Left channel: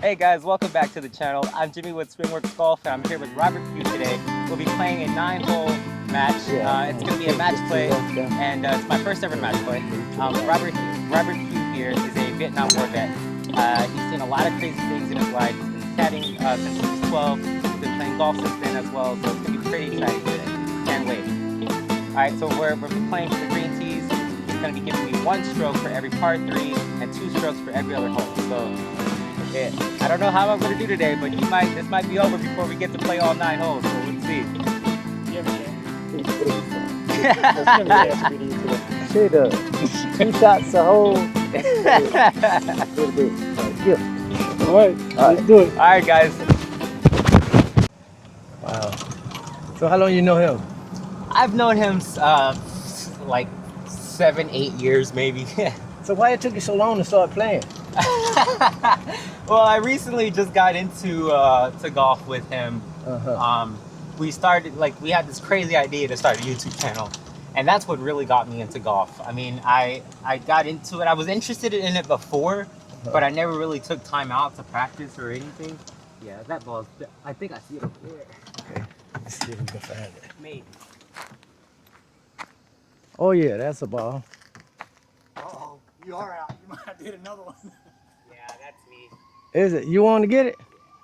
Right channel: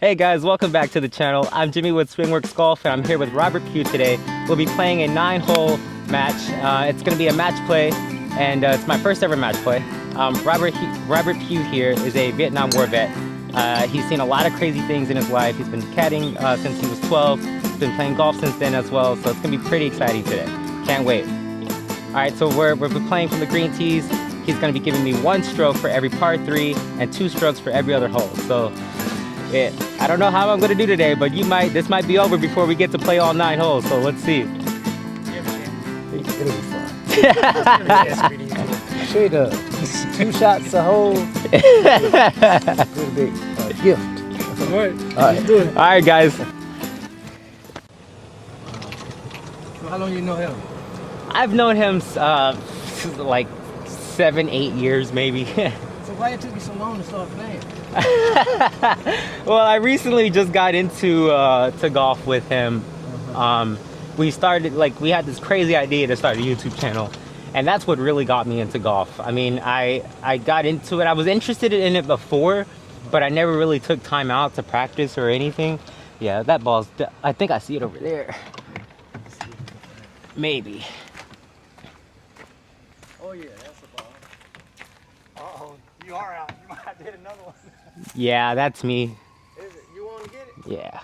Hey guys, welcome back to the channel. I'm Jimmy with Swingworks Golf and I'm here with Robert Pue today. We'll be playing a 9-hole match. It's going to be a match play and it's my first ever match play. Robert Pue here is a Vietnam War vet. He's seen a lot of crazy things in his life. He's been caddying since he was 12. He's been playing golf since then as well, so it's going to be pretty exciting today. Can't wait. Alright, so we're playing for the green tees. He's going to be giving me 1 stroke for every par 3 and 2 strokes for every other hole. So yeah, I don't know how I'm going to do today, but this might be over before we get to play all 9 holes, so let's see. Sure does. 2 shots a hole. Let's do it. Alright guys. Wow. So how long you know him? I've known him like 7-8 years maybe. So why it took you so long to start playing? Well, I recently just got into to golf with him. We had this crazy idea to start a YouTube channel, and that's what really got me into golf. I mean, I got into it. I was interested in it before, but I never really took time out to practice or anything. Yeah, that ball's, I think I see it over there. Let's see if we can find it. Maybe. Oh yeah, that's a ball. Oh, you are out. You might have to hit another one. Yeah, that's me. Is it? You want to get it? Yeah.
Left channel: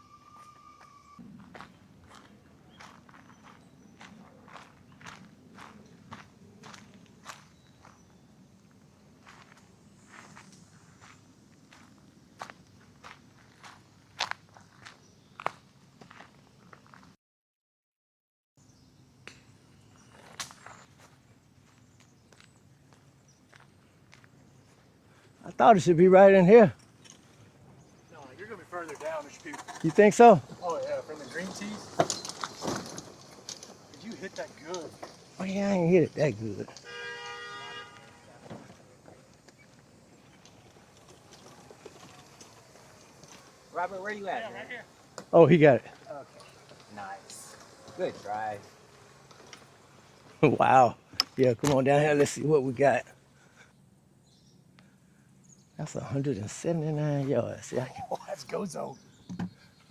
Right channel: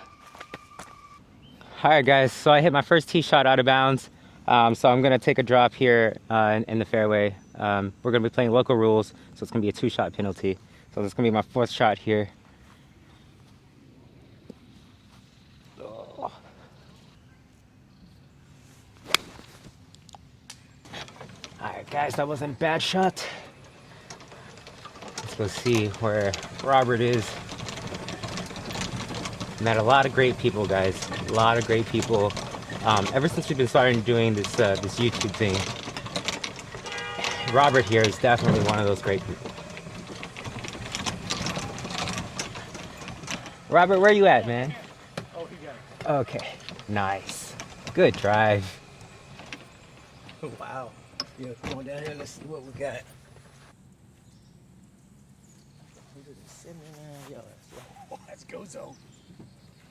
All right, guys. So I hit my first tee shot out of bounds. So I'm gonna take a drop here in the fairway. We're gonna be playing local rules, so it's gonna be a 2-shot penalty. So this is gonna be my 4th shot here. All right, guys. That wasn't a bad shot. Let's go see Should be where right in here. Robert is. Met a lot of great people, guys. A lot of great people. Ever since we've been starting doing this this YouTube thing, I ain't hit it that good. Robert here is definitely one of those great people. Robert, where you at, man? Oh, he got it. Okay, nice. Good drive. Wow. Yeah, come on down here. Let's see what we got. That's 179 yards. See, Oh, that's go zone.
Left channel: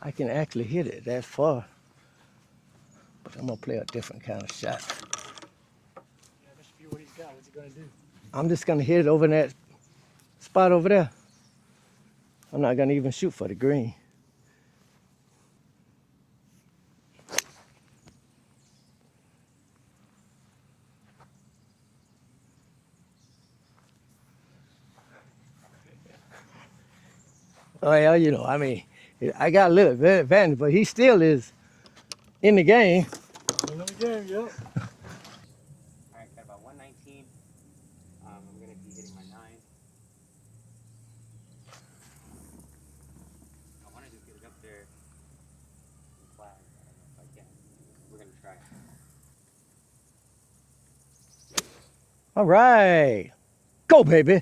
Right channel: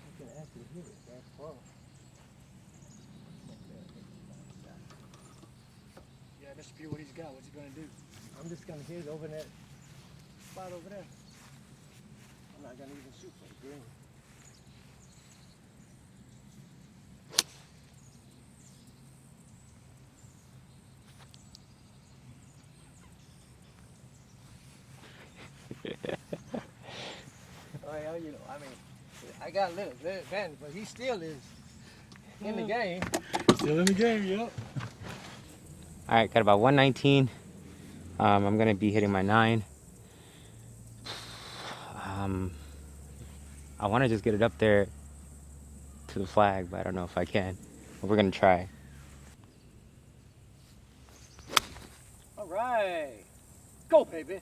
I can actually hit it that far. But I'm going to play a different kind of shot. Yeah, Mr. Pugh, what he's got, what's he going to do? I'm just going to hit it over in that spot over there. I'm not going to even shoot for the green. Oh, yeah, you know, I mean, I got a little bit advantage, but he still is in the game. Still in the game, yep. All right, got about 119. I'm gonna be hitting my 9. I want to just get it up there to the flag, but I don't know if I can. But we're gonna try. All right. Go, baby.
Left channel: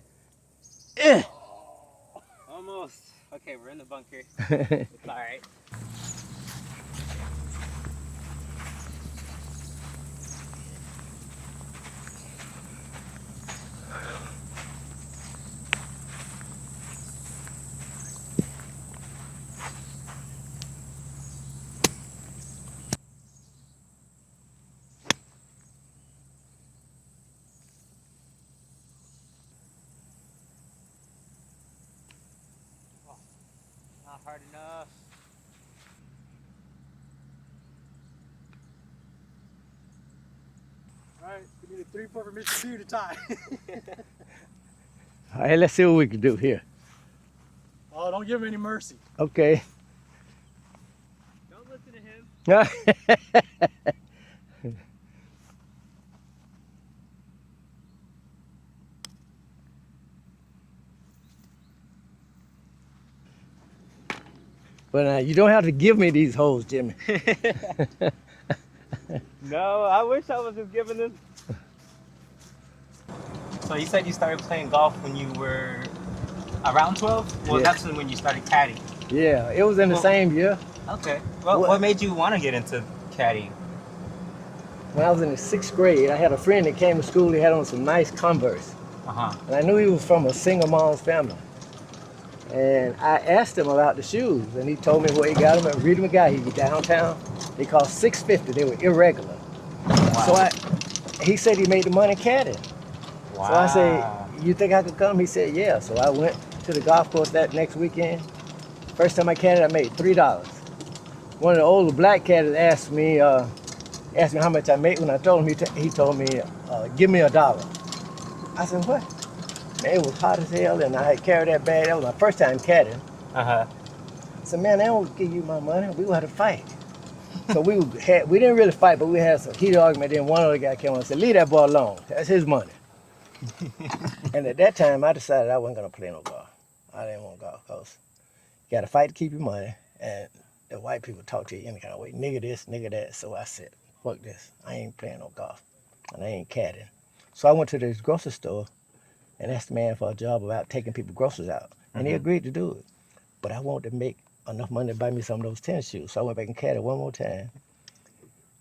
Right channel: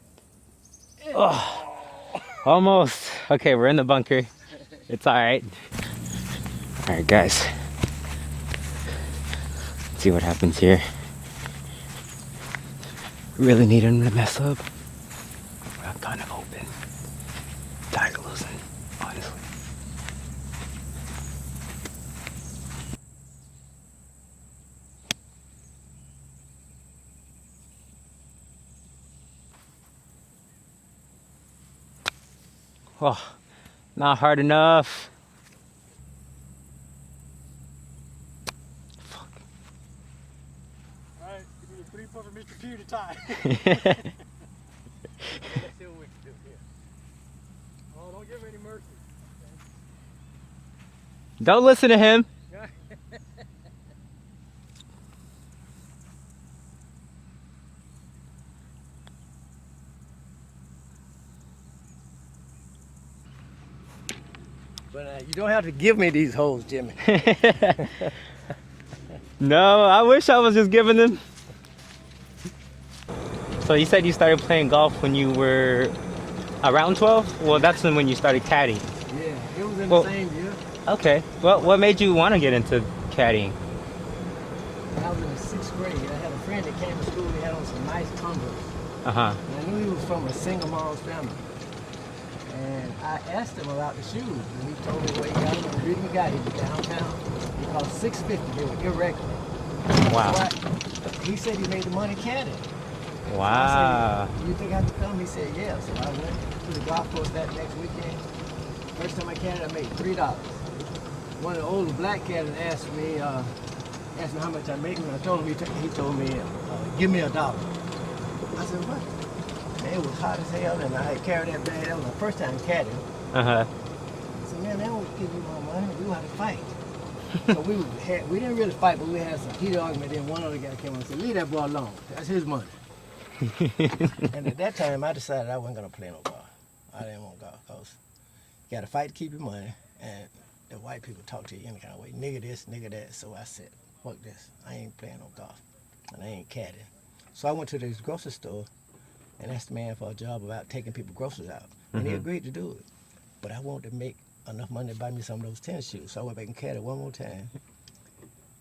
Almost. Okay, we're in the bunker. It's all right. All right, guys. Let's see what happens here. Really need him to mess up. I'm kind of open. Tired of losing, honestly. Oh, not hard enough. All right, we need a 3-putt for Mr. Pugh to tie. All right, let's see what we can do here. Oh, don't give him any mercy. Okay. Don't listen to him. But you don't have to give me these holes, Jimmy. No, I wish I was just giving them. So you said you started playing golf when you were around 12? Well, Yeah. that's when you started caddying. Yeah, it was in the Well- same year. Okay. Well, what made you want to get into caddying? When I was in the 6th grade, I had a friend that came to school. He had on some nice Converse. Uh-huh. And I knew he was from a single mom's family. And I asked him about the shoes, and he told me where he got them at Reedy McGuy. He was downtown. They cost $650. They were irregular. Wow. So he said he made the money caddying. Wow. So I said, you think I could come? He said, yeah. So I went to the golf course that next weekend. First time I caddied, I made $3. One of the older black caddies asked me how much I made. When I told him, he told me, give me $1. I said, what? Man, it was hot as hell, and I had carried that bag. That was my first time caddying. Uh-huh. I said, man, they don't give you my money. We gonna have to fight. So we didn't really fight, but we had some heated argument. Then one other guy came on and said, leave that boy alone. That's his money. And at that time, I decided I wasn't gonna play no golf. I didn't want golf because you gotta fight to keep your money, and the white people talk to you any kind of way. Nigga this, nigga that. So I said, fuck this. I ain't playing no golf, and I ain't caddying. So I went to this grocery store and asked the man for a job about taking people groceries out. And he agreed to do it. But I wanted to make enough money to buy me some of those tennis shoes. So I went back and caddied one more time.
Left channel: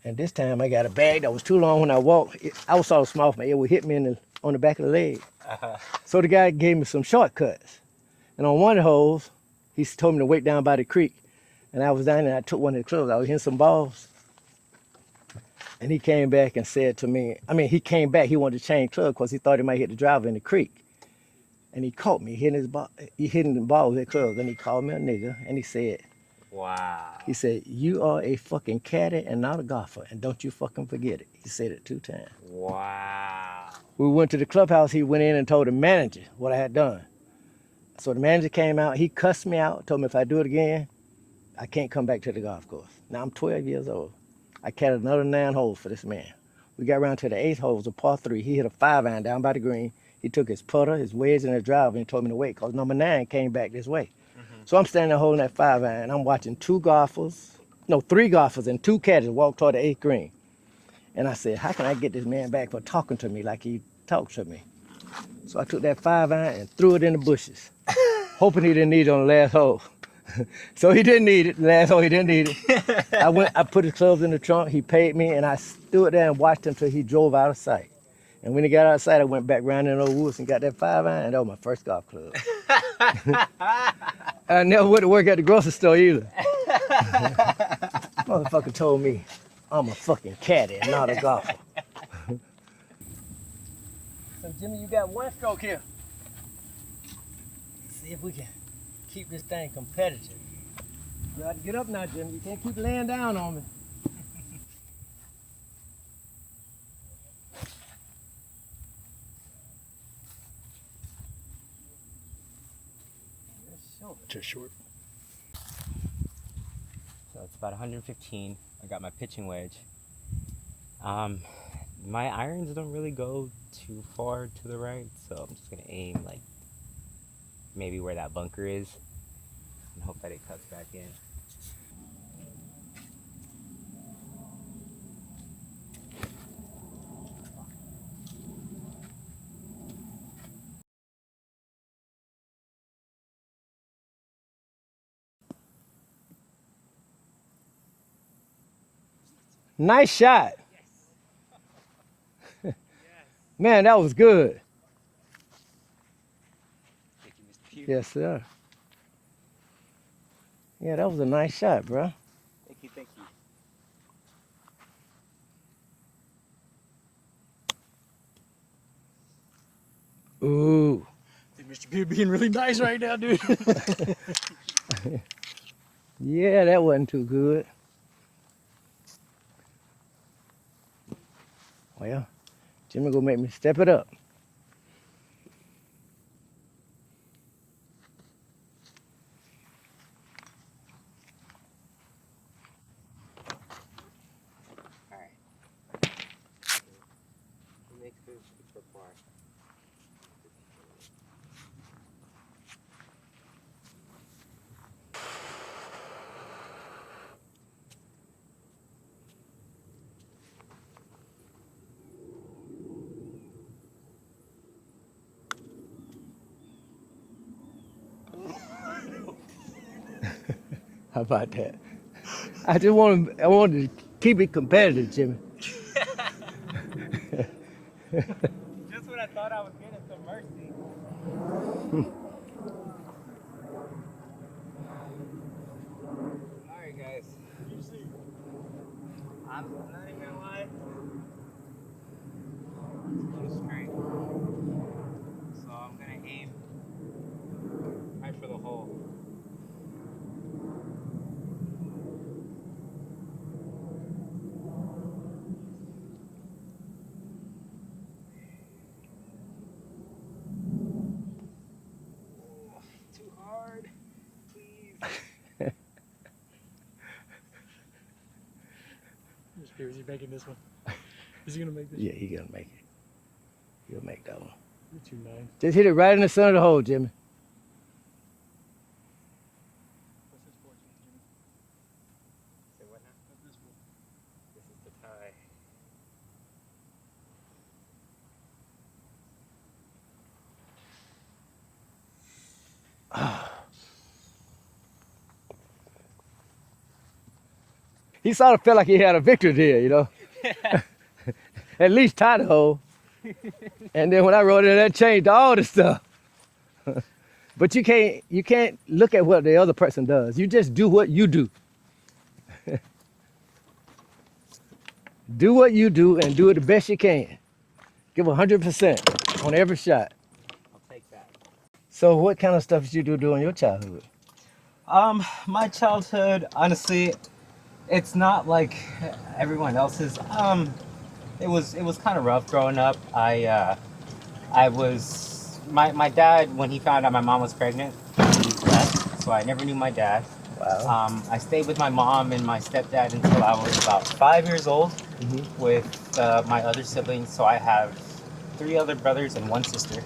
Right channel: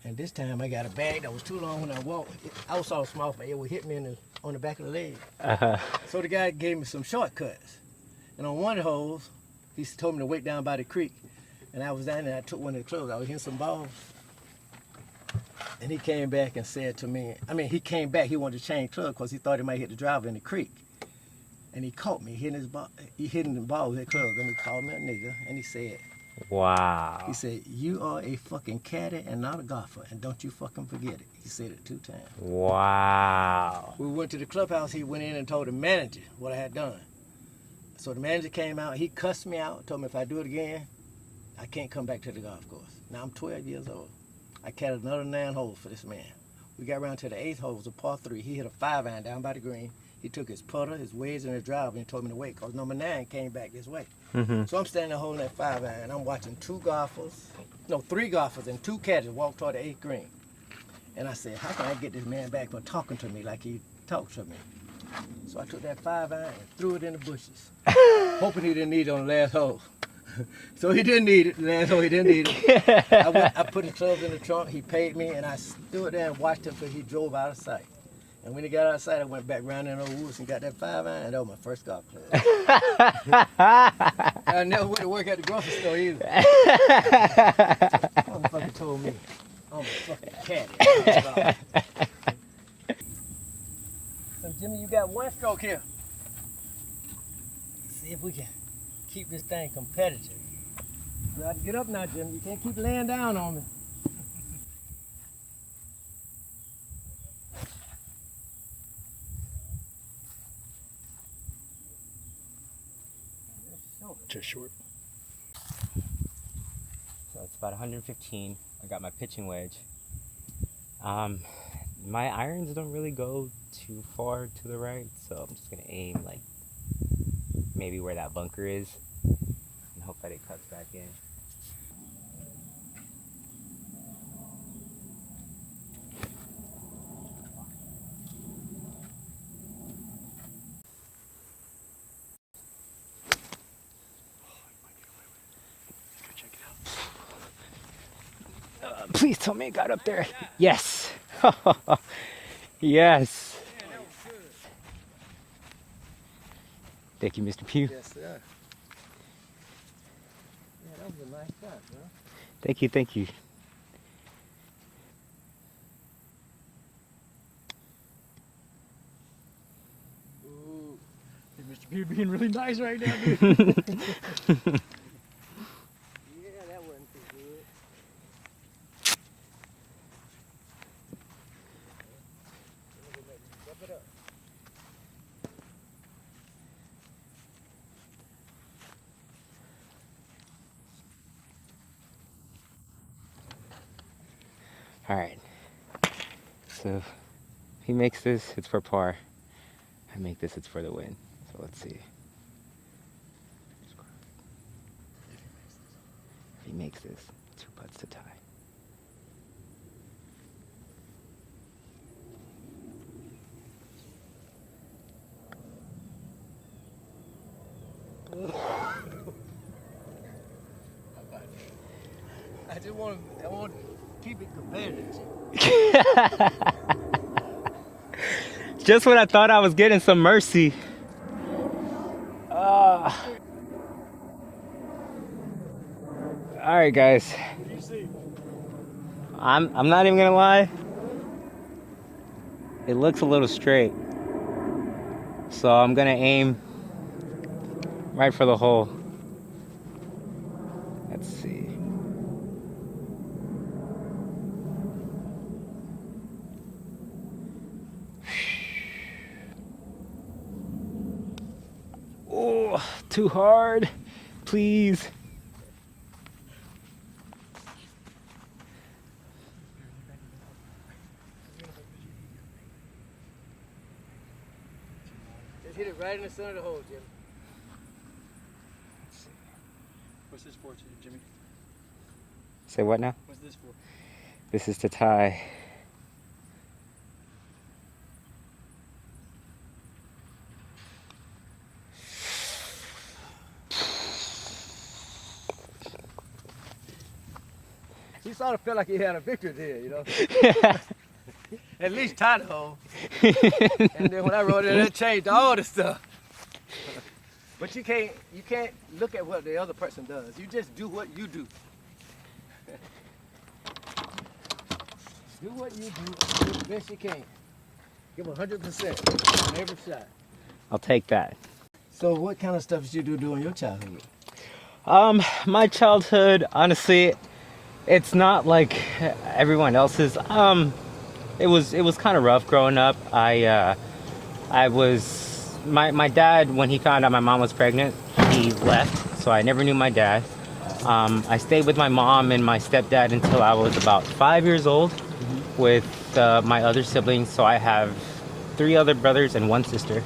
And this time I got a bag that was too long when I walked. I was sort of small, but it would hit me on the back of the leg. Uh-huh. So the guy gave me some shortcuts. And on one of the holes, he told me to wait down by the creek. And I was down there, I took one of the clubs. I was hitting some balls. And he came back and said to me, he came back, he wanted to change club because he thought he might hit the driver in the creek. And he caught me hitting the ball with his clubs. And he called me a nigger, and he said, Wow. he said, you are a fucking caddy and not a golfer, and don't you fucking forget it. He said it 2 times. Wow. We went to the clubhouse, he went in and told the manager what I had done. So the manager came out, he cussed me out, told me if I do it again, I can't come back to the golf course. Now I'm 12 years old. I caddied another 9 holes for this man. We got around to the 8th hole, it was a par 3. He hit a 5-iron down by the green. He took his putter, his wedge, and his driver and told me to wait because number 9 came back this way. So I'm standing there holding that 5-iron. I'm watching 3 golfers and 2 caddies walk toward the 8th green. And I said, how can I get this man back for talking to me like he talked to me? So I took that 5-iron and threw it in the bushes, hoping he didn't need it on the last hole. So he didn't need it. The last hole he didn't need it. I put his clubs in the trunk. He paid me, and I stood there and watched him until he drove out of sight. And when he got out of sight, I went back round in the old woods and got that 5-iron, and that was my first golf club. I never went to work at the grocery store either. Motherfucker told me I'm a fucking caddy and not a golfer. So Jimmy, you got 1 stroke here. See if we can keep this thing competitive. You got to get up now, Jimmy. You can't keep laying down on me. Just short. So it's about 115. I got my pitching wedge. My irons don't really go too far to the right, so I'm just gonna aim like maybe where that bunker is and hope that it cuts back in. Please tell me I got it. Nice shot. Yes. Yes. Man, that was good. Thank you, Mr. Pue. Yes, sir. Yeah, that was a nice shot, bro. Thank you, thank you. Ooh. Mr. Pugh being really nice right now, dude. Yeah, that wasn't too good. Well, Jimmy gonna make me step it up. All right. So he makes this, it's for par. I make this, it's for the win. So let's see. He makes this, 2 putts to tie. How about that? I wanted to keep it competitive, Jimmy. Just when I thought I was getting some mercy. All right, guys. What do you see? I'm not even gonna lie. It looks a little straight, so I'm gonna aim right for the hole. Let's see. Oh, too hard. Please. Mr. Pue, is he making this one? Is he gonna make this? Yeah, he gonna make it. He'll make that one. You're too long. Just hit it right in the center of the hole, Jimmy. What's this for, Jimmy? Say what now? What's this for? This is to tie. He sort of felt like he had a victory there, you know. At least tie the hole. And then when I wrote it, that changed all the stuff. But you can't look at what the other person does. You just do what you do. Do what you do and do it the best you can. Give 100% on every shot. I'll take that. So what kind of stuff did you do during your childhood? My childhood, honestly, it's not like everyone else's. It was kind of rough growing up. I was my dad, when he found out my mom was pregnant, he left, so I never knew my dad. Wow. I stayed with my mom and my stepdad until I was about 5 years old with my other siblings. So I have 3 other brothers and 1 sister.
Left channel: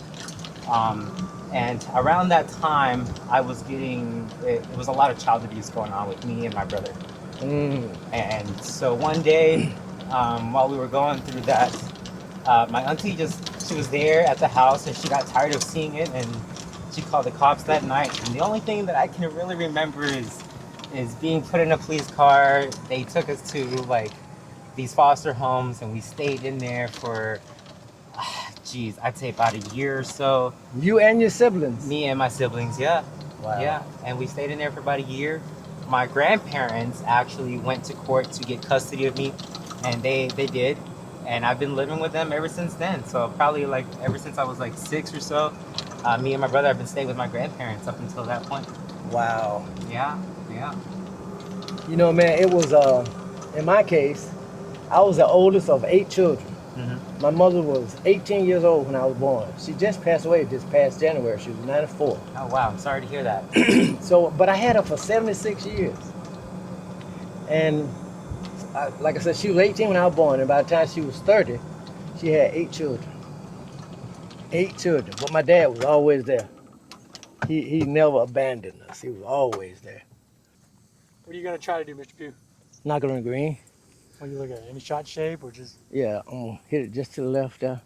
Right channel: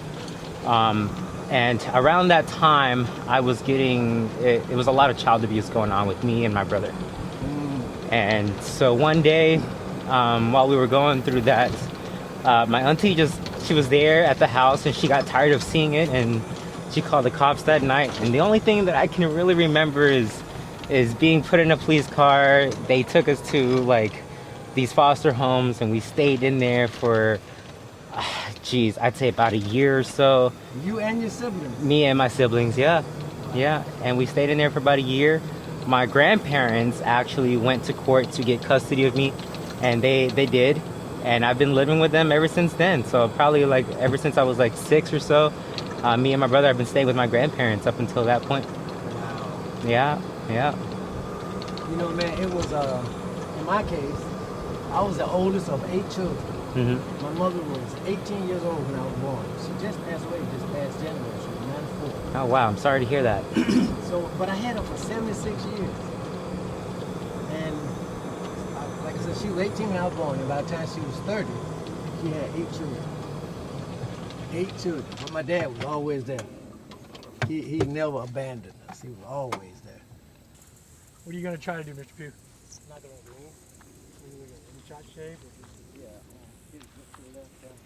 And around that time, I was getting, it was a lot of child abuse going on with me and my brother. And so one day, while we were going through that, my auntie she was there at the house and she got tired of seeing it and she called the cops that night. And the only thing that I can really remember is being put in a police car. They took us to like these foster homes and we stayed in there for, geez, I'd say about a year or so. You and your siblings? Me and my siblings, yeah. Wow. Yeah, and we stayed in there for about a year. My grandparents actually went to court to get custody of me, and they did. And I've been living with them ever since then. So probably like ever since I was like 6 or so, me and my brother have been staying with my grandparents up until that point. Wow. Yeah, yeah. You know, man, it was, in my case, I was the oldest of 8 children. My mother was 18 years old when I was born. She just passed away this past January. She was 94. Oh, wow, I'm sorry to hear that. So, but I had her for 76 years. And like I said, she was 18 when I was born, and by the time she was 30, she had 8 children. 8 children. But my dad was always there. He never abandoned us. He was always there. What are you gonna try to do, Mr. Pue? Not gonna green. What are you looking at? Any shot shape or just? Yeah, I'm gonna hit it just to the left there.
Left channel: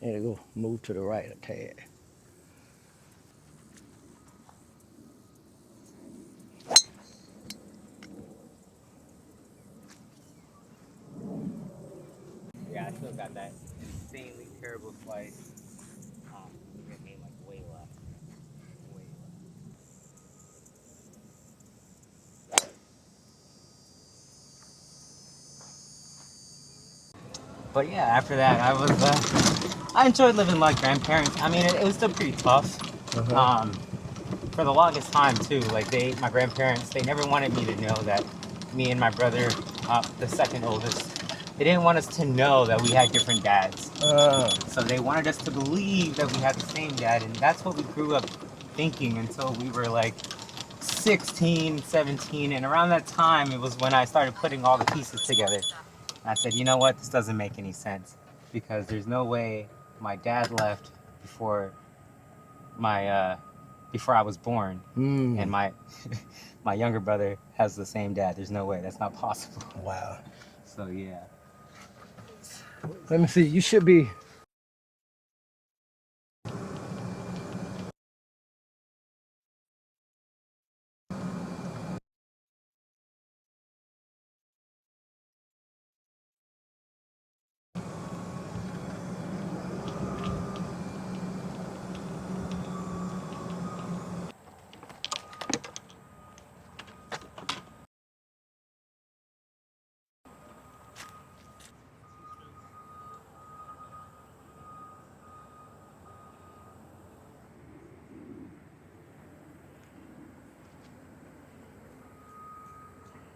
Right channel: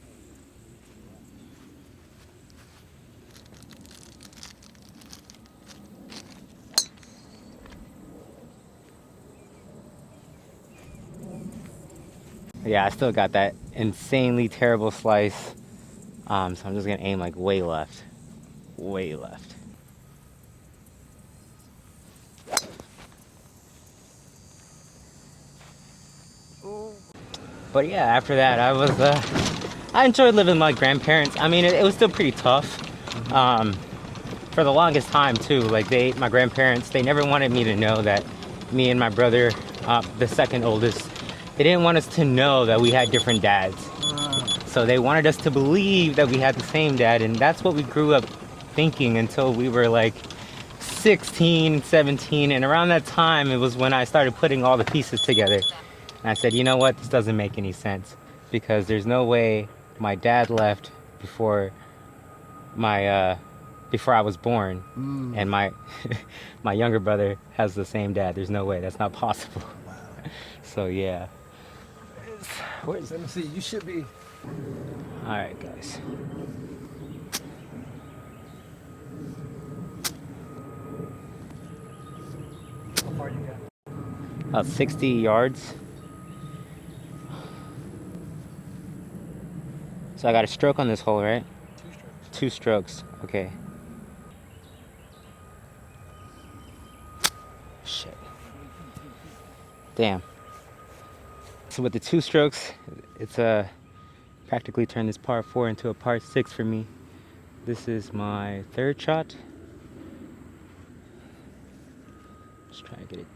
And it go move to the right a tad. Yeah, I still got that insanely terrible slice. So I'm just gonna aim like way left. Way left. But yeah, after that, I enjoyed living with my grandparents. I mean, it was still pretty tough. For the longest time too, like my grandparents, they never wanted me to know that me and my brother, the second oldest, they didn't want us to know that we had different dads. So they wanted us to believe that we had the same dad, and that's what we grew up thinking until we were like 16, 17, and around that time, it was when I started putting all the pieces together. And I said, you know what, this doesn't make any sense, because there's no way my dad left before I was born, and my younger brother has the same dad. There's no way, that's not possible. Wow. So yeah. Let me see, you should be. All right, guys. How far you got? About 60 yards. So I got a stroke on this hole, right? 2 strokes, okay. Damn. So with the 2 strokes, it's practically turned this par 4 into a par 6 for me. This is my 3rd shot. Just trying to get it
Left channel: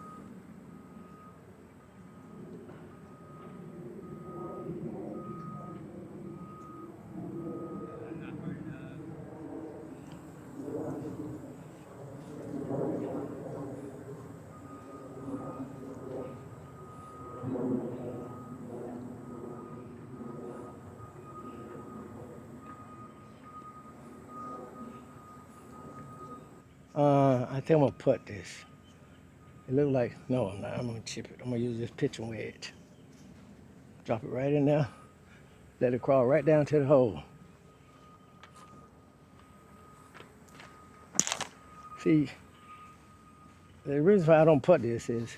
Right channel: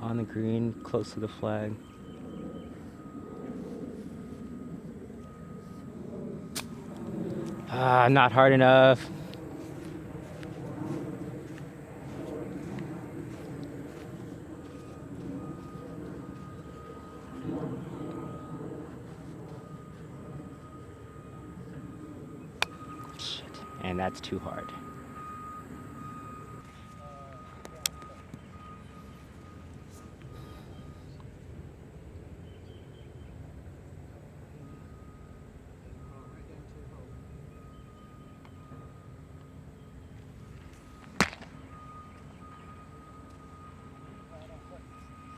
on the green, close to the flag. Not hard enough. Shit, and that's too hard. I think I'm gonna put this. It look like, no, I'm not. I'm gonna chip it. I'm gonna use this pitching wedge. Drop it right in there. Let it crawl right down to the hole. See, the reason why I don't put this is,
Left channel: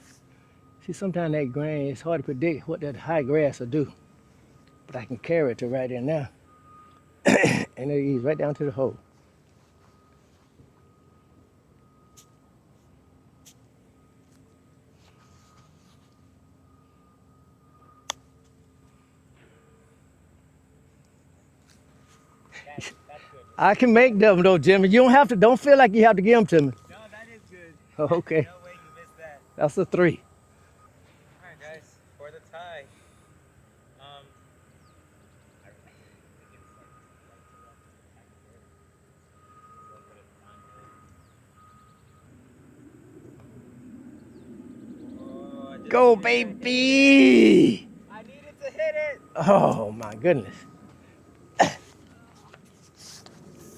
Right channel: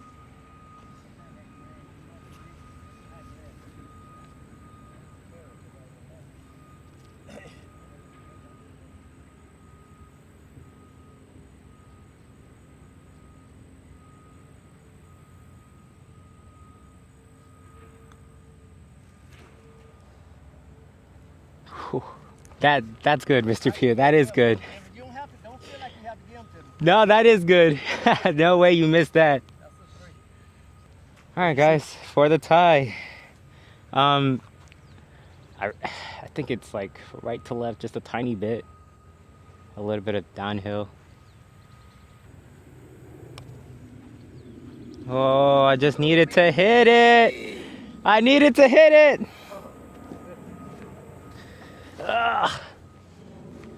see, sometimes that grain, it's hard to predict what that high grass will do. But I can carry it to right in there. And it'll ease right down to the hole. That's good, Mr. I can Pugh. make That is double though, good. Jimmy. You don't have to, don't feel like you have to give them to me. No, that is good. Okay. No way you missed that. That's a 3. All right, guys, for the tie. I think it's like right to left just a tiny bit. A little bit of downhill. Oh, I just Go, needed to hit it. baby! I needed to hit it. Oh my goodness.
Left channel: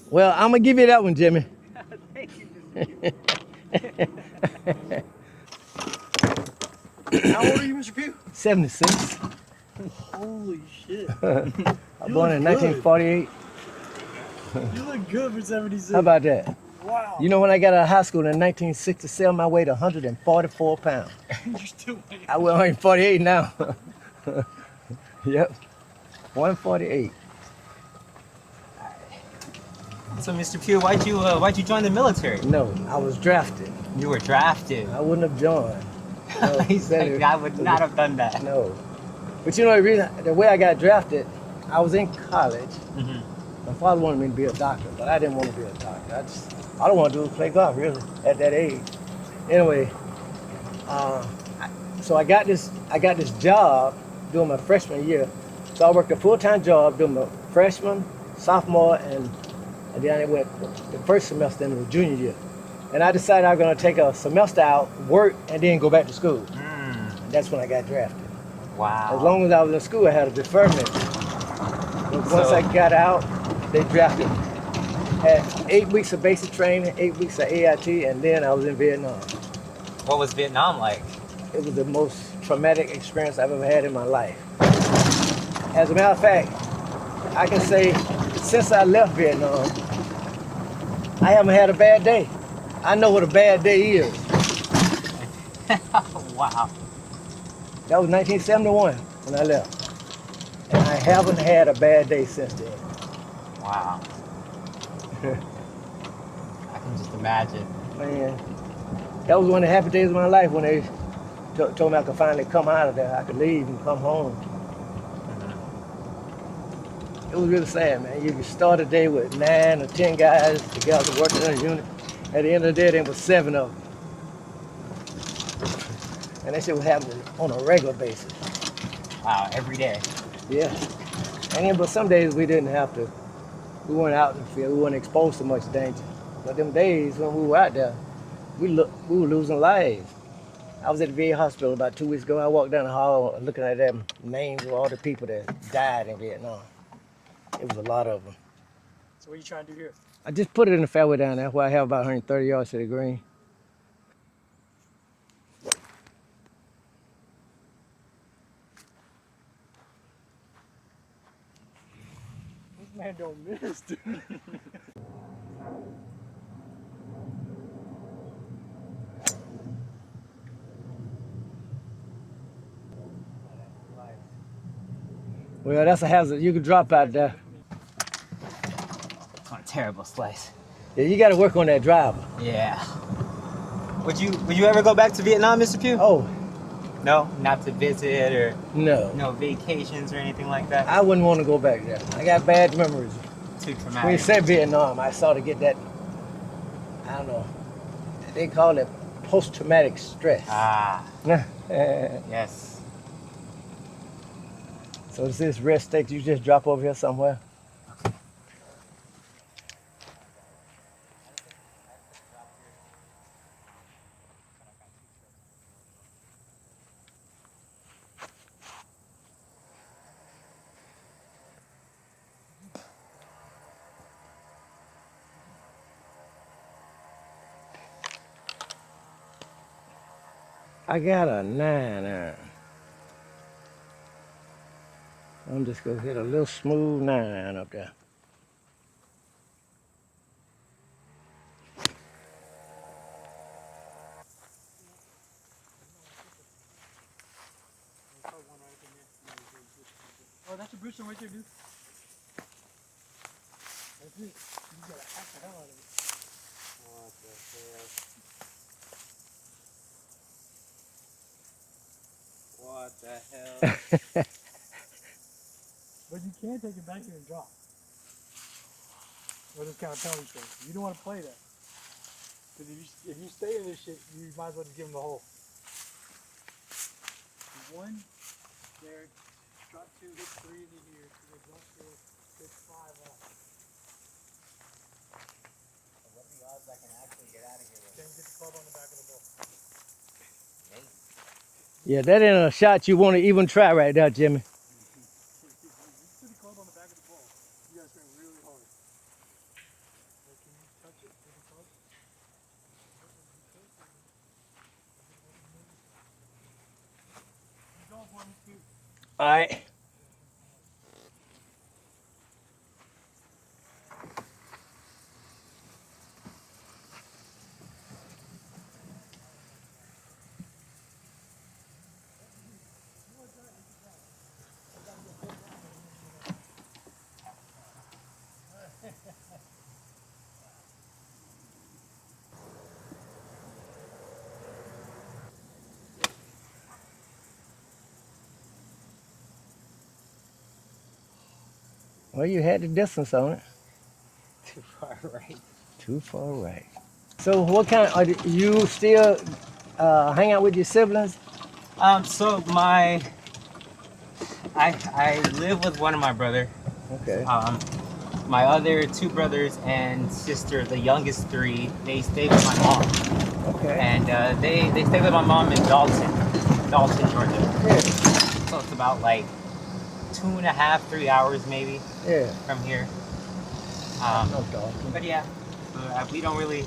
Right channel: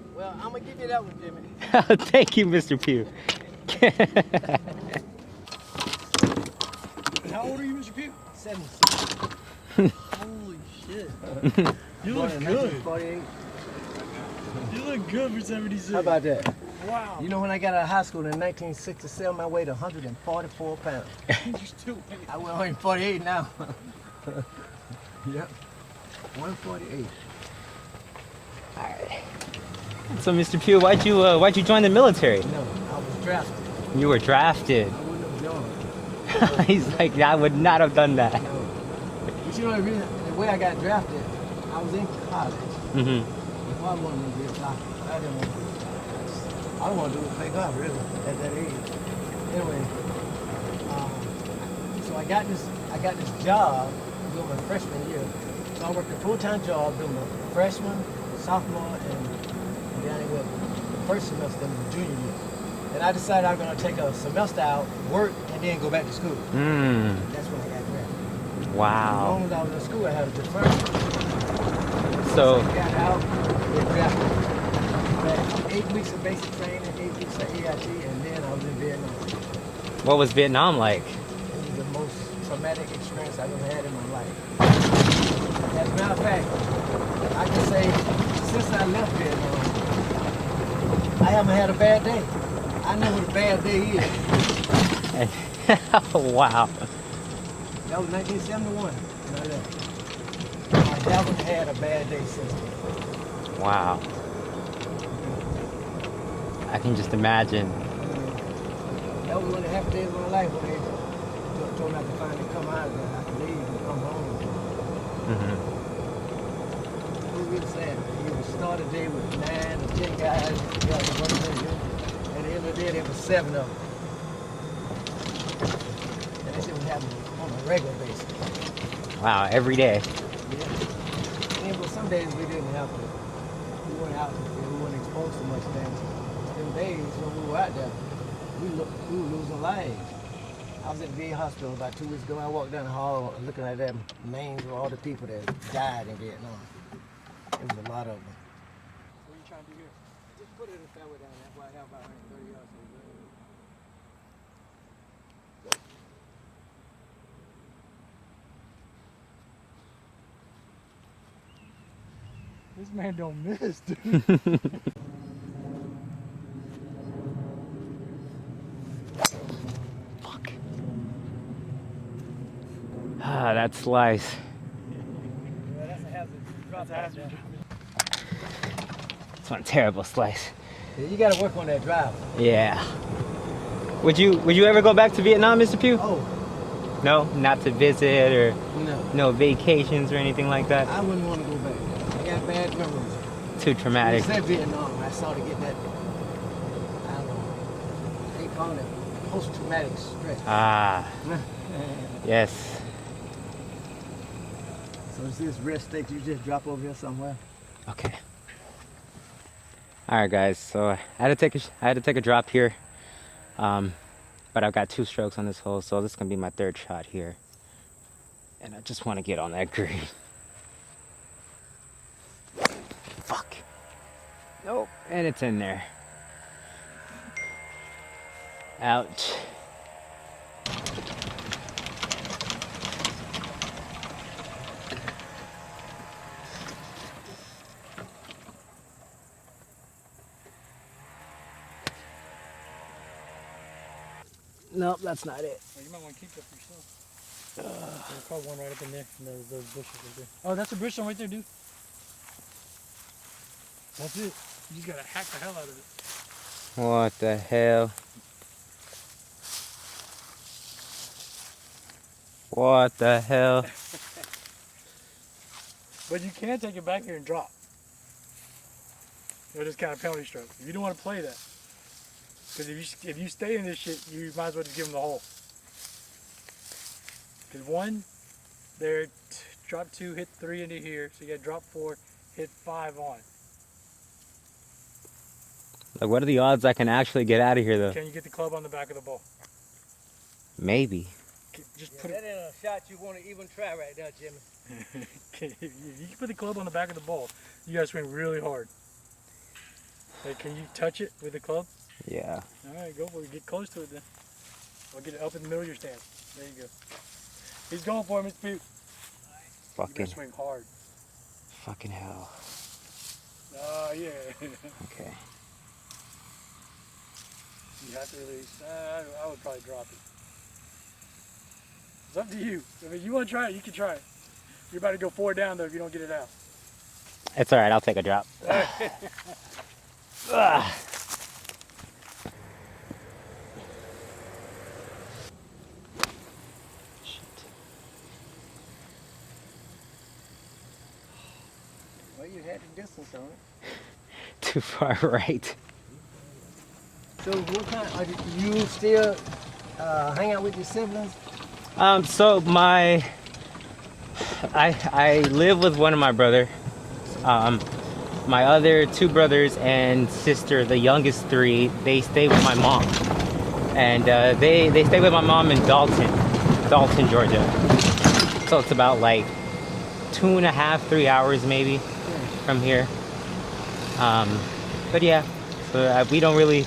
Well, I'm gonna give you that one, Jimmy. Thank you, Mr. Pugh. How old are you, Mr. Pugh? 76. Holy shit. I born in 1948. You look good for 76. How about that? Wow. You know, when I got out of high school in 1967, I weighed 144 pounds. You're still I weigh 148 now. Yep, 148. So, Mr. Pugh, why'd you join the military? No, I was drafted. You were drafted. I wouldn't have joined. He's like, I would not have done that. No. But you know, the way I got drafted, I was in college. Mm-hmm. My father wanted me to be a doctor, but I didn't want to be a doctor. All I wanted to do was play golf, really, at that age. Anyway, so I got this job during my freshman year. So I worked a full-time job during my freshman, sophomore, and then I went the first semester into the junior year. And I decided I was going to take a semester out, work, and then go back to school. That's when I got drafted. Wow. As long as I was in school, I had a deferment. Once I got out, they drafted me. Had 8 weeks of basic training, 8 weeks of AIT, and then I was in Vietnam. What was Vietnam like? It was the most traumatic experience I've ever had in my life. As a matter of fact, I can say since I left Vietnam, I haven't had a bad day. I know what a bad day is. Wow. That was 1971 when I left. And I haven't had a bad day since then. Wow. I can just imagine. Man, that was one of the happy days of my life when they told me I could finally come out of there. I could leave and come home. Mm-hmm. It was really sad, man. You start a day with 9 or 10 guys together working in a unit. At the end of the day, there was 7 of them. And that shit was happening on a regular basis. Wow, every day. Yeah. And then, but some days we didn't have to. We weren't out in the field. We weren't exposed to much danger. But them days when we were out there, we were losing lives. I was at the VA hospital about 2 weeks ago. I walked down the hall looking at them names of all the people that died in Vietnam. It was a lot of them. So what are you trying to do here? I just put it in the fairway down there where I have about 130 yards to the green. This man don't miss, dude. Fuck. Ah, that slice. Well, that's a hazard. You can drop out there. It's one terrible slice. Yeah, you got to work on that driver. Yeah. Would you ever go back to Vietnam, Mr. Pugh? Oh, No, not to visit or No. no vacations or anything like that. I wouldn't want to go back there. I got bad memories. Too When you traumatic. said Vietnam, I saw to get that, I don't know, they call it post-traumatic stress. Ah, So yes. is this rest state you just drop over here somewhere? Okay. All right, guys. So I had to take a drop here, but I've got 2 strokes on this hole, so this is gonna be my 3rd shot here, and I just want to get on that green. Fuck. Nope. And it's in there. Ouch. I got a 9 iron. I'm just gonna hit a little smooth 9 iron up there. Nope, that's not it. Well, you might want to keep that for yourself. There's probably one right up in there. And those bushes right there. Oh, that's a bush right there, dude. That's it. You just gotta hack the hell out of it. What the hell? What the hell? But you can take it back here and drop. They're just kind of penalty stroke. You don't want to play that. Because if you stay in this shit, you might as well just give them the hole. 1, there, drop 2, hit 3 into here. So you got drop 4, hit 5 on. Like, what are the odds I can actually get out of here, though? Can you get the club on the back of the ball? Maybe. Just Yeah, that ain't a shot you want to even try right now, Jimmy. if you put the club on the back of the ball, you gotta swing really hard. Like, can you touch it with the club? Yeah. All right, go for it. Get close to it then. Or get it up in the middle of your stance. There you go. He's going for it, Mr. Pute. All right. You Fucking. gotta swing hard. Fucking hell. Oh, yeah. Okay. You have to release. I would probably drop it. It's up to you. I mean, you want to try it, you can try it. You're about to go 4 down, though, if you don't get it out. It's all right. I'll take a drop. Ugh. Well, you had the distance on it. Too far right. Too far right. So what kind, are you still hang out with your siblings? So I live with one of my brother. Okay. My other 2 brothers and sister, the youngest 3, they stay with my mom. And they stay with my mom in Dalton, Georgia. Yeah. So it's about like 2.5, 3 hours maybe Yeah. from here. Okay. But yeah, so we don't really.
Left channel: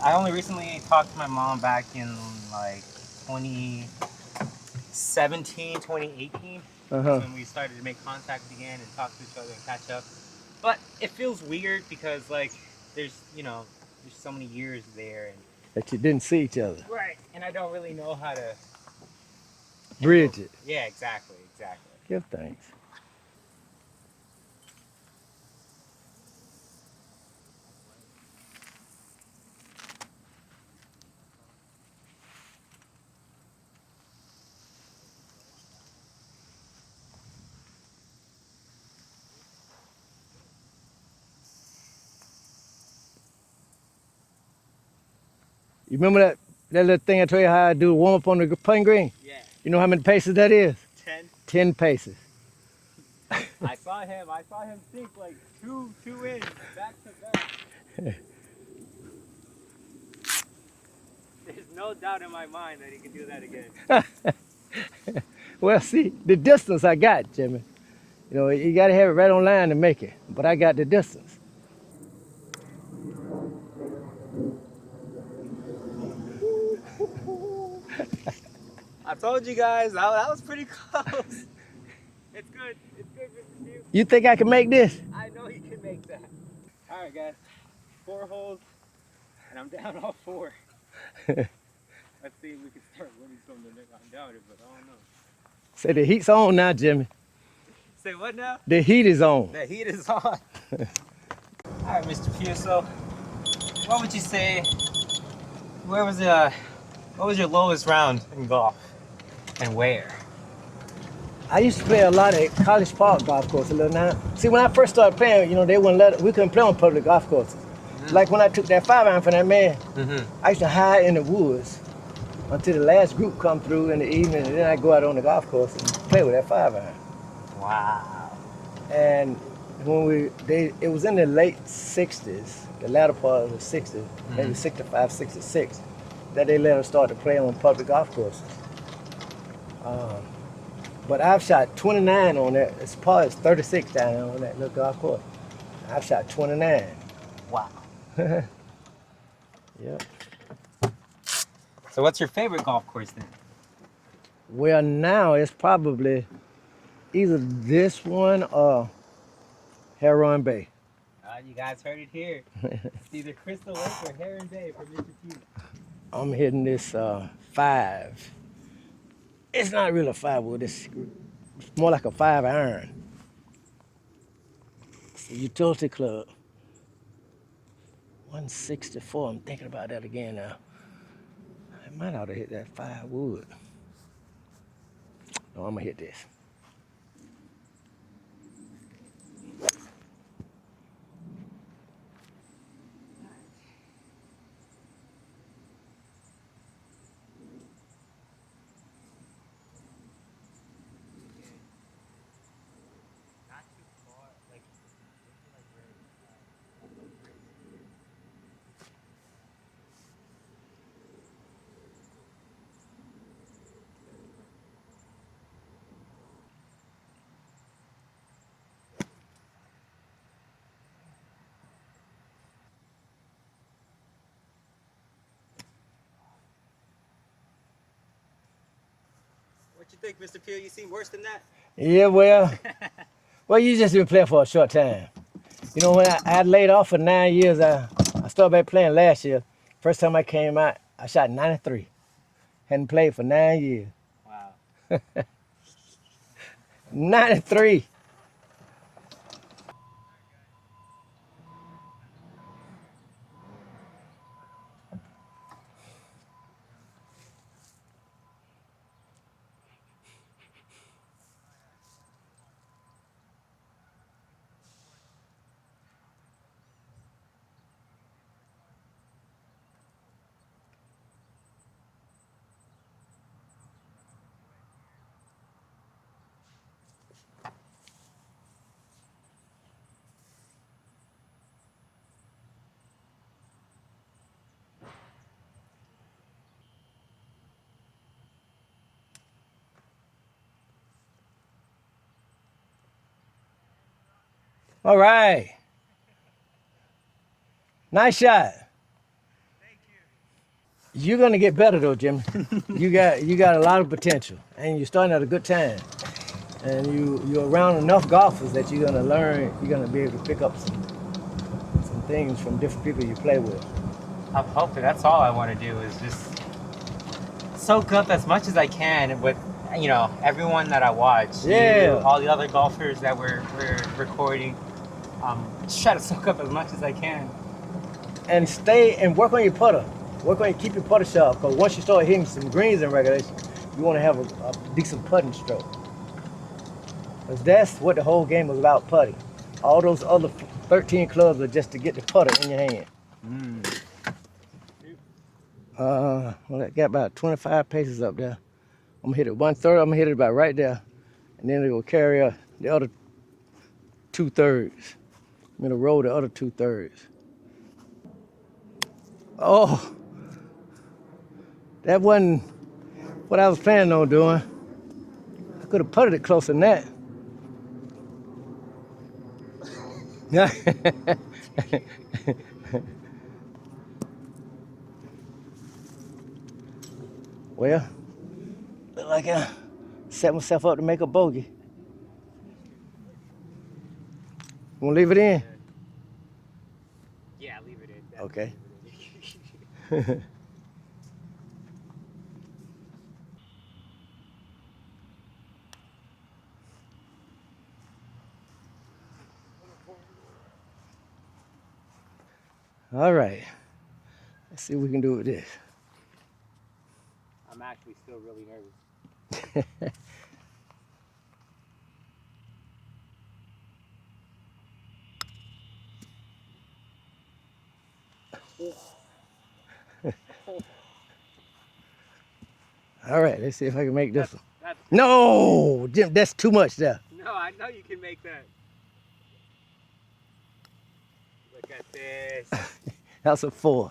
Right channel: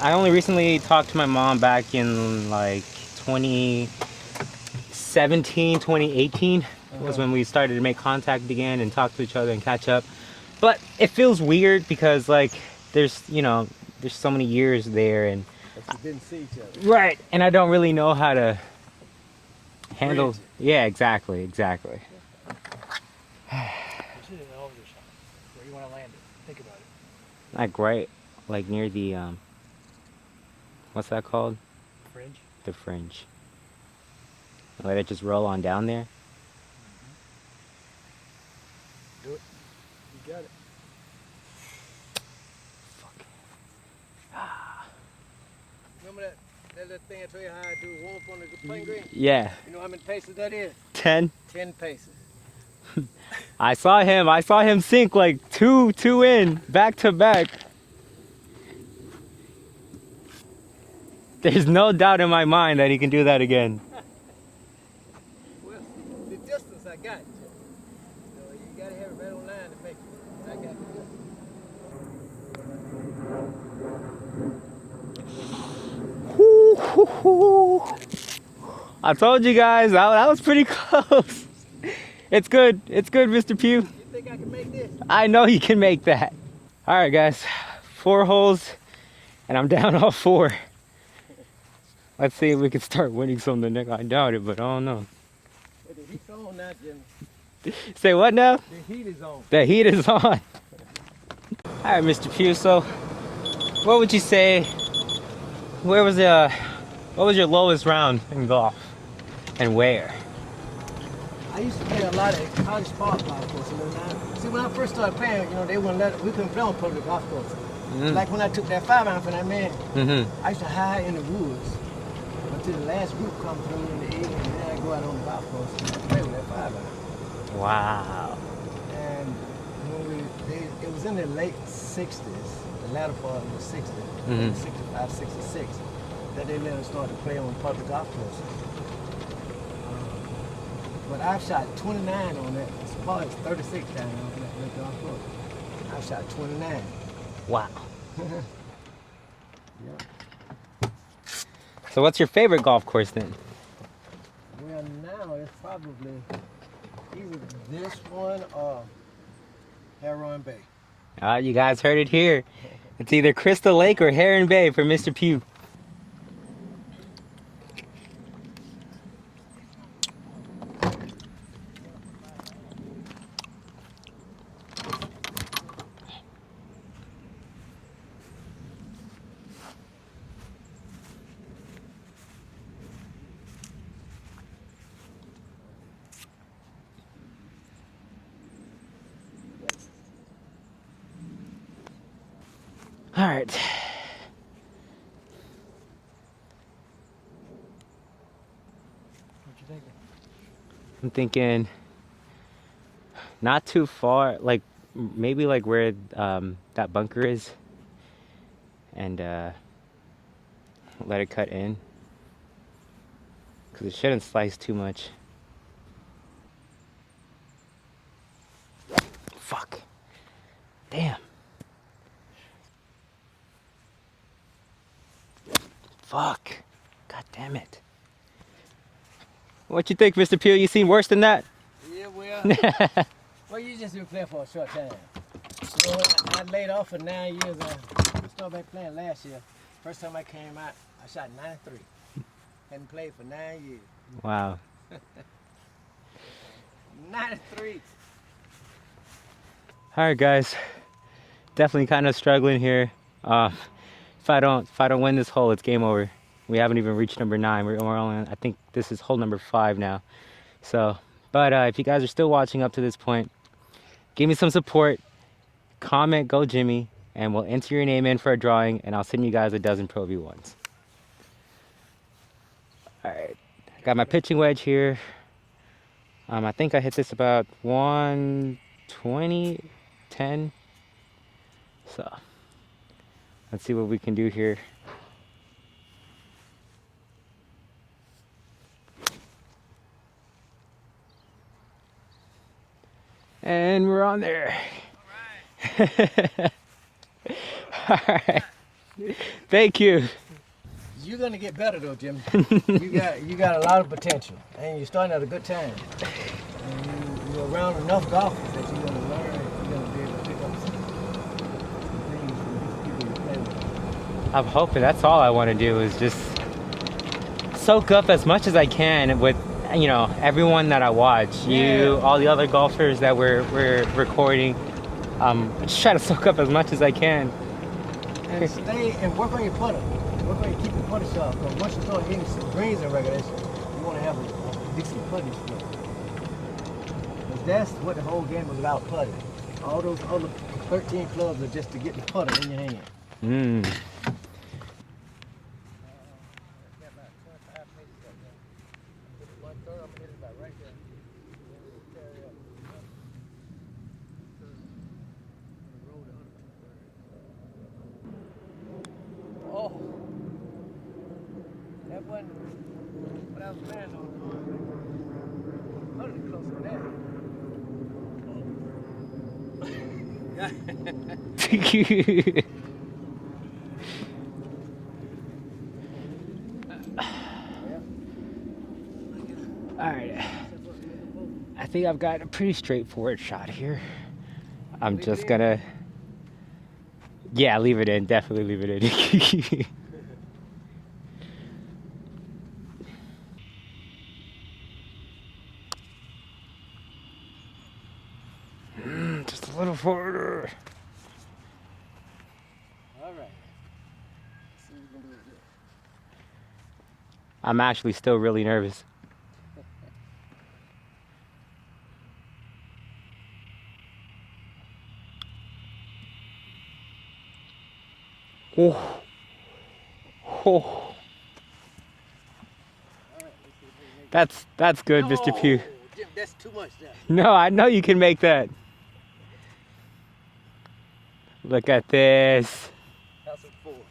I only recently talked to my mom back in like 2017, 2018 was when we started to make contact again and talk to each other and catch up. But it feels weird because like there's so many years there and That you didn't see each other. right, and I don't really know how to handle Bridge it. Yeah, exactly. Good thing. This is an over shot. Where you want to land it. Think about it. Like right, like near the what's that called? Fringe. The fringe. Let it just roll on down there. Do it. You got it. You remember that little thing I told you how I do warm up on the putting green? Yeah, You know how many paces that is? 10. 10 paces. I saw him sink like two in back to back. There's no doubt in my mind that he can do that again. Well, see, the distance I got, Jimmy. You know, you got to have it right on line to make it. But I got the distance. I told you guys, that was pretty close. It's good, Mr. Pue. You think I can make this? I know you can make that. All right, guys, 4 holes, and I'm down all 4. Let's see if we can start winning something. I doubt it, but I don't know. Say the heat's on now, Jimmy. Say what now? The heat is on. The heat is on. All right, Mr. Pue, so what would you say Where was what was your lowest round in golf, and where? I used to play a lot at College Park golf course a little now. See, when I first started playing, they wouldn't we couldn't play on public golf courses. Like when I took that 5-iron from that man, I used to hide in the woods until the last group come through in the evening, and then I go out on the golf course and play with that 5-iron. Wow. And when it was in the late 60s, the latter part of the 60s, maybe 65, 66, that they let us start to play on public golf courses. But I've shot 29 on that. It's probably 36 down there on that little golf course. I've shot 29. Wow. Yep. So what's your favorite golf course then? Well, now it's probably either this one or Heron Bay. You guys heard it here. It's either Crystal Lake or Heron Bay for Mr. Pue. I'm hitting this 5. It's not really a 5-wood. It's more like a 5-iron. It's a utility club. 164. I'm thinking about that again now. I might ought to hit that 5-wood. Oh, I'm gonna hit this. All right. I'm thinking not too far, like maybe like where that bunker is, and let it cut in, because it shouldn't slice too much. Fuck. Damn. Fuck. God damn it. What you think, Mr. Pue? You seen worse than that? Yeah, well, you just been playing for a short time. When I laid off for 9 years, I started back playing last year. First time I came out, I shot 93. Hadn't played for 9 years. Wow. 93. All right, guys. Definitely kind of struggling here. If I don't win this hole, it's game over. We haven't even reached number 9. We're only, I think this is hole number 5 now. So, but if you guys are still watching up to this point, give me some support. Comment "Go Jimmy," and we'll enter your name in for a drawing, and I'll send you guys a dozen Pro V1s. All right, got my pitching wedge here. I think I hit this about 120, 10. So let's see what we can do here. And we're on there. All right. Nice shot. Thank you. You're gonna get better though, Jimmy. you got a lot of potential, and you're starting at a good time. And you're around enough golfers that you're gonna learn. You're gonna be able to pick up some things from different people you play with. I'm hoping that's all I want to do is just soak up as much as I can with everyone that I watch. Yeah. You, all the other golfers that we're recording. Just try to soak up as much as I can. And stay and work on your putter. Keep your putter sharp, because once you start hitting some greens in regulation, you want to have a decent putting stroke. Because that's what the whole game is about, putting. All those other 13 clubs are just to get the putter in your hand. Well, I got about 25 paces up there. I'm gonna hit it 1/3. I'm gonna hit it about right there, and then it will carry the other 2/3. I'm gonna roll the other 2/3. Oh, that wasn't what I was planning on doing. I could have putted it closer than that. Well, look like I set myself up to make a bogey. I think I've got a pretty straightforward shot here. Wanna leave it in? Yeah, leave it in. Definitely Okay. leave it in. Just a little further. All right. Let's see what we can do with this. I'm actually still really nervous. Oh. Oh. All right, let's see if I can make this. That's good, Mr. Pue. No, Jim, that's too much there. No, I know you can make that. Look at this. That's a 4.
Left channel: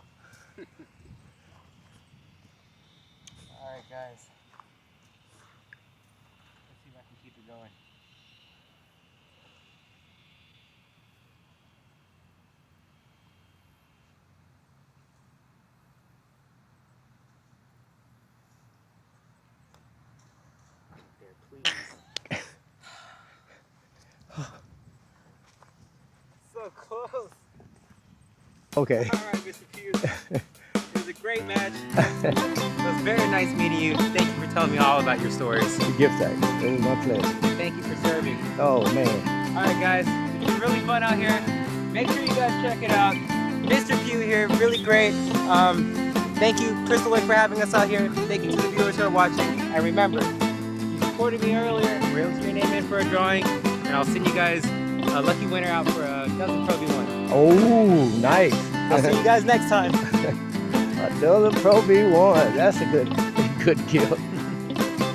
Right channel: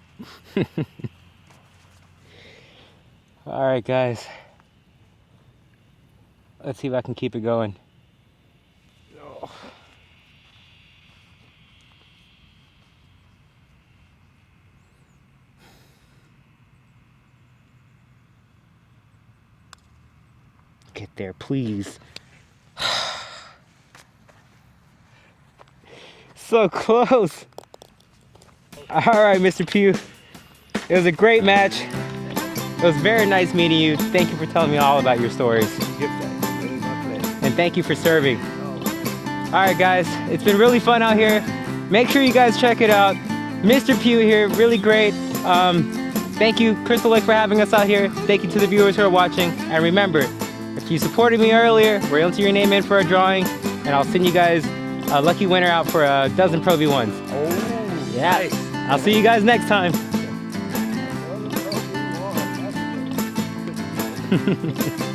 All right, guys. Let's see if I can keep it going. Get there, please. So close. Okay. All right, Mr. Pue. It was a great match. It was very nice meeting you. Thank you for telling me all about your stories. Gift that. It was my pleasure. And thank you for serving. Oh, man. All right, guys. It's been really fun out here. Make sure you guys check it out. Mr. Pue here, really great. Thank you, Crystal Lake, for having us out here. Thank you to the viewers who are watching. And remember, if you supported me earlier, we're able to your name in for a drawing, and I'll send you guys a lucky winner out for a dozen Pro V1s. Oh, nice. I'll see you guys next time. A dozen Pro V1. That's a good gift.